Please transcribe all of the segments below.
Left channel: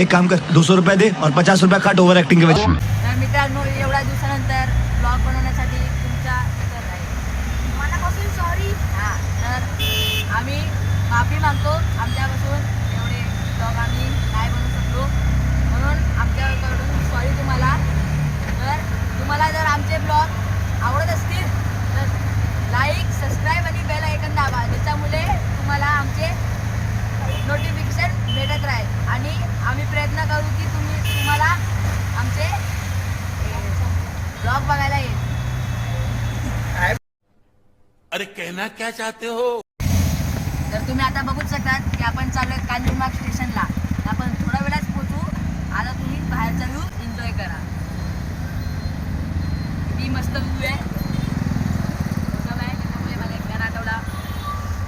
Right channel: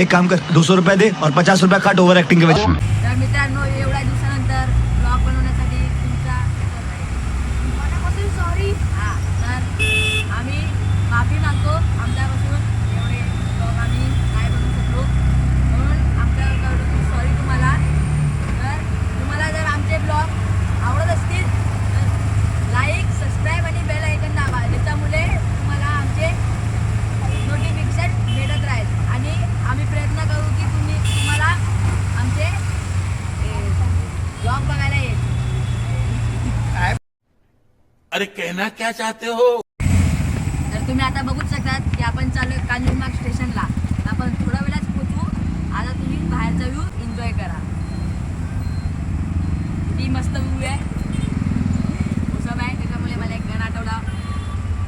एक काम कर 200 रुपये दे और 50 रुपये काट ओव्हर ऍक्टिंग के वजह से. तर मित्रांनो, एवढ्या दिवसानंतर ब्लॉग बनवण्यासाठी तुमचा मनापासून सॉरी. हां, तर आम्ही माफी मागतो आमच्यापासून. एवढे ब्लॉग आम्ही नाही बनवू शकलो, म्हणून आमच्याकडून सॉरी तुम्हाला. तर तुम्हाला जर आमचे ब्लॉग आवडत असतील तर लाईक, सबस्क्राईब आणि बेल आयकन दाबा, ज्याच्यामुळे तुम्हाला आमचे नोटिफिकेशन भेटत राहील. आणि आम्ही प्रयत्न करू की तुम्हाला आमचे ब्लॉग बघायला येईल. अरे कहना क्या चाहते हो. तर तुम्ही आता बघूच शकतात की आपण चालू आहे कांजूरमार्ग स्टेशनला. आपण थोड्या वेळाच पोहोचू. आता तुम्ही बाहेरचा व्ह्यू एन्जॉय करा. किती मस्त व्ह्यू आहे. मोसम आहे, त्याच्यामुळे मला एक गाणं आठवला.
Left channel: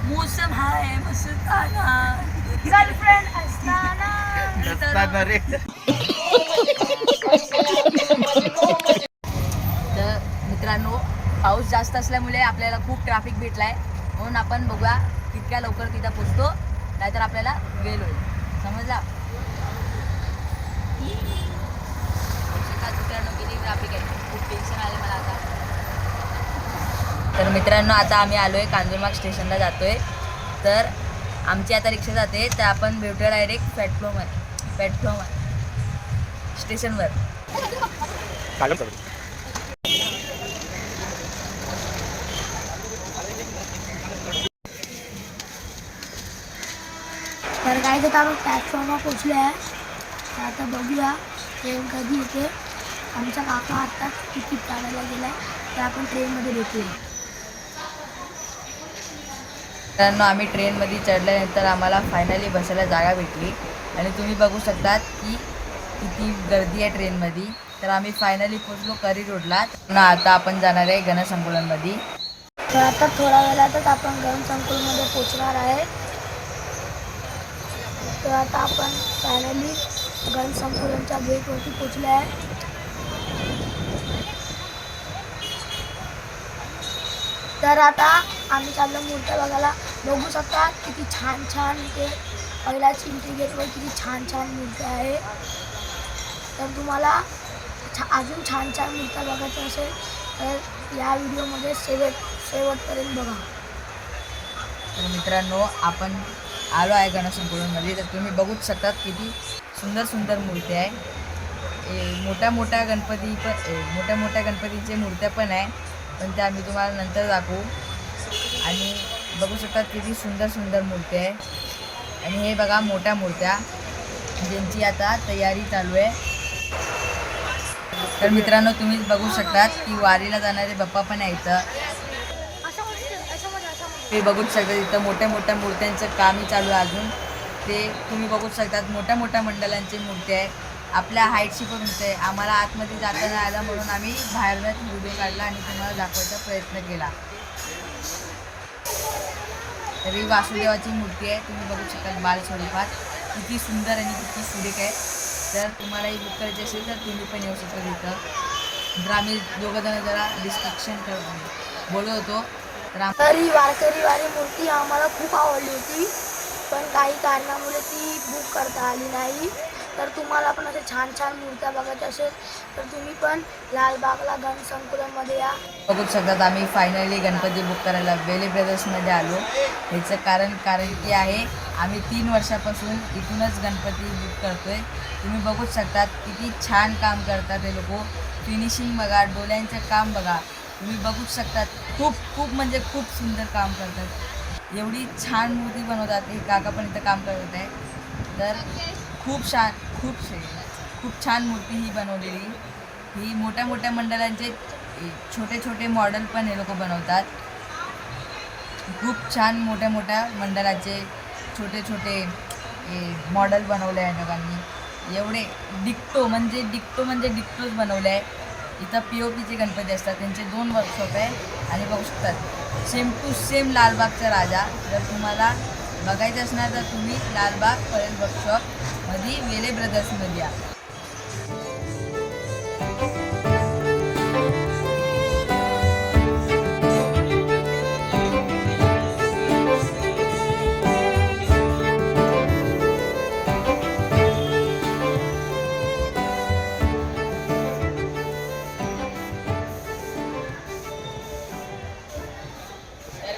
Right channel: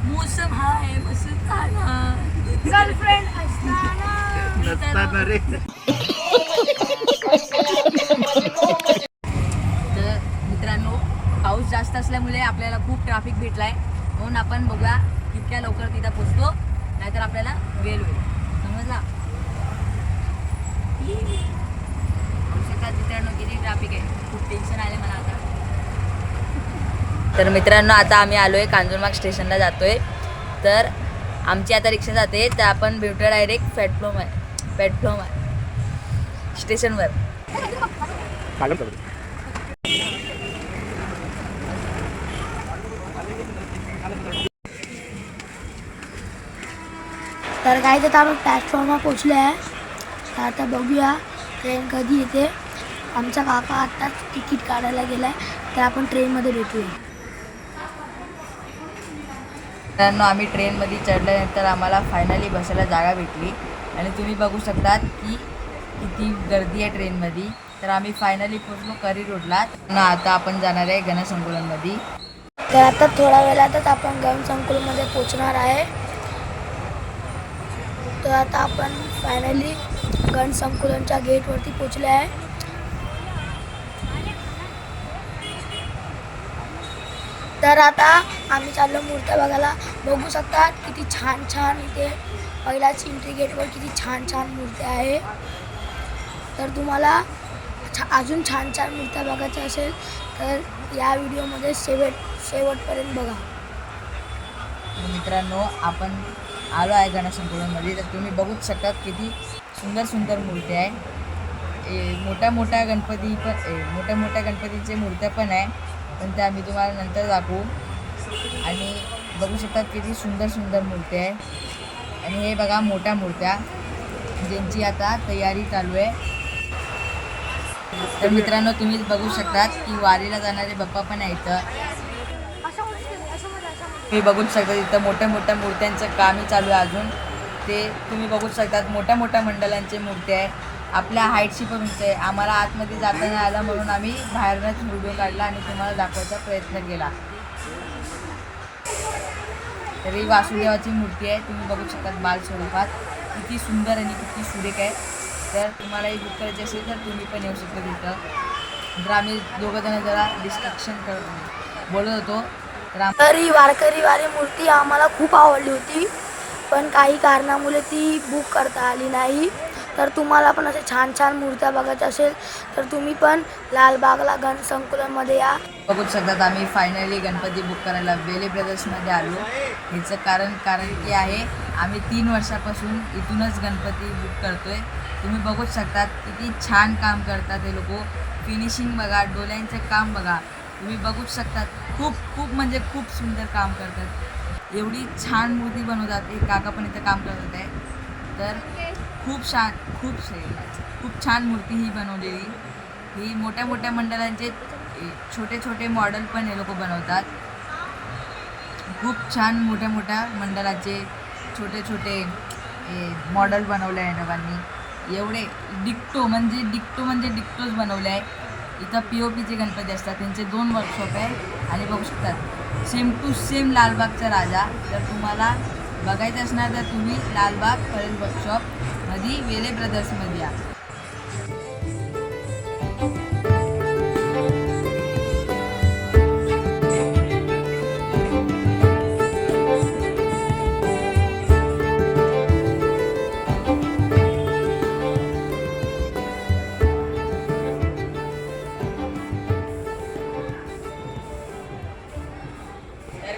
मोसम हाय मस्ताना, गर्लफ्रेंड असताना. तर मित्रांनो, पाऊस जास्त असल्यामुळे आपल्याला खूप ट्रॅफिक भेटलाय, म्हणून आपण बघूया तितक्या लवकर तिथं पोचतो, नाहीतर आपल्याला वेळ होईल. समजला? मित्रांनो, किती ट्रॅफिक आहे, खूप टेन्शन आलं मला आता. तर मित्रांनो, आता आम्ही आलो आहे कांजूरमार्ग स्टेशनला जातोय. तर आमची आता रिक्षा जाते, तर आपण भेटूया डायरेक्ट प्लॅटफॉर्म स्टेशनवर. तर काय तर आपण प्लॅटफॉर्मवर पोचले आहे. तर आता बघूया ट्रेन कधी येते. आमचा काका आत्ता तिकीट काढायला गेला आहे, तर आपण ट्रेनमध्ये भेटूया. मित्रांनो, आम्ही ट्रेनमध्ये चढल्यानंतर आम्हाला फायनली बसायला जागा भेटली. आणि तुम्ही बघू शकतात की किती गर्दी आहे ट्रेनमध्ये. तर आम्ही फायनली पोचलो करी रोडला. ना आता आपण जाणार आहे गणसंकुलनमध्ये. तर आता थोड्या वेळातच आपण गणसंकुलमध्ये पोचणार आहे. तर आता आपण फायनली गणसंकुलनच्या गेटवरती पोचले आहे. तर आता आम्ही चाललो मूर्त्या बघायला. बघू शकता किती छान छान इथे पहिल्याच एंट्री गेटवर किती छान छान मूर्त्या आहे. तर तुम्हाला अजून छान छान मूर्त्या बघायच्या असेल तर या व्हिडिओमध्ये शेवटपर्यंत बघा. तर मित्रांनो, आपण आलो आहे गणसंकुलनमध्ये. तर तुम्ही बघूच शकतात किती सुंदर सुंदर मूर्त्या आहे. मोठ्या मोठ्या गणपतीचे मूर्त्या पण आहे, पण त्या आम्ही तुम्हाला नंतर दाखवू. आणि बघू शकतात किती सुंदर सुंदर मूर्त्या आहे. आणि हे बघा मोठ्या मूर्त्या, ज्यांची आता तयारी चालू आहे. तर मित्रांनो, तुम्ही बघू शकतात की वारीला जाणारे बाप्पा पण आहे इथं. तुम्ही बघूच शकता इथं मोठ्या मोठ्या मूर्त्यांचं कामही चालू आहे अजून. ते तुम्ही बघूच शकतात मोठ्या मोठ्या मंडळांचे मूर्त्या आहे. आपल्या हाईटशी पण उंच आहे. आम्हाला आतमध्ये जाता नाही आलं, म्हणून आम्ही बाहेरनंच व्हिडिओ काढला आणि तुम्हाला दाखवायचा प्रयत्न केला. तर ही वासुदेवाची मूर्ती आहे. तुम्ही बघू शकतात बालस्वरूपात. किती सुंदर आणि किती सुरेख आहे. तर तुम्हाला ही बुक करायची असेल तर तुम्ही पण येऊ शकता तिथं. तर आम्ही दोघंजणं जरा डिस्ट्रॅक्शन बोलत होतो. तर ही वारकरी मूर्ती आम्हाला खूप आवडली होती, पण काही कारणामुळे ती बुक करता आली नाही. तर तुम्हाला पण असे छान छान मूर्त्या बघायच्या असेल तर तुम्ही पण लालबागला गणसंकुलनमध्ये या. बघू शकतात आम्ही फायनली गणपती बुक करायला वेले ब्रदर्समध्ये आलो. ह्याचं कारण की आहे, आम्ही 3 वर्षापासून इथूनच गणपती बुक करतोय. तुम्ही बघूच शकतात किती छान काम करतात हे लोक. फिनिशिंग बघा, डोळ्यांचं काम बघा. तुम्ही बघूच शकतात खूप म्हणजे खूप सुंदर काम करतात. एवढी छान मूर्ती बनवतात. हे काका पण इथं काम करत आहे. तर खूप छान मूर्ती ही बनवलेली. ही मोठ्या मोठ्या मंडळांचे छोटे छोटे मॉडेल पण हे लोक बनवतात. खूप छान मोठ्या मोठ्या मंडळाचे छोटे छोटे मॉडेल बनवले आहे लोकांनी. एवढे डिक्टो म्हणजे डिक्टोच बनवले आहे. इथं POPचे गणपती असतात, त्यांचे 2 वर्कशॉप आहे. आणि बघू शकतात सेम टू सेम लालबागचा राजा. जर तुम्हाला बघायचं असणार तर तुम्ही लालबाग परेल वर्कशॉपमध्ये वेले ब्रदर्समध्ये या.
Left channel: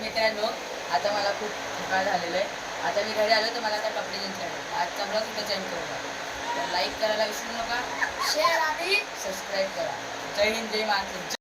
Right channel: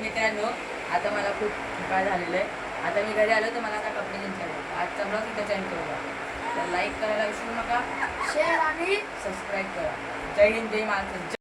मित्रांनो, आता मला खूप थकाळ झालेलं आहे. आता मी घरी आलो तर मला आता कपडे चेंज करायचे. आजचा ब्लॉग इथे चेंज करूया. तर लाईक करायला विसरू नका, शेअर आणि सबस्क्राईब करा. जय हिंद, जय महाराष्ट्र.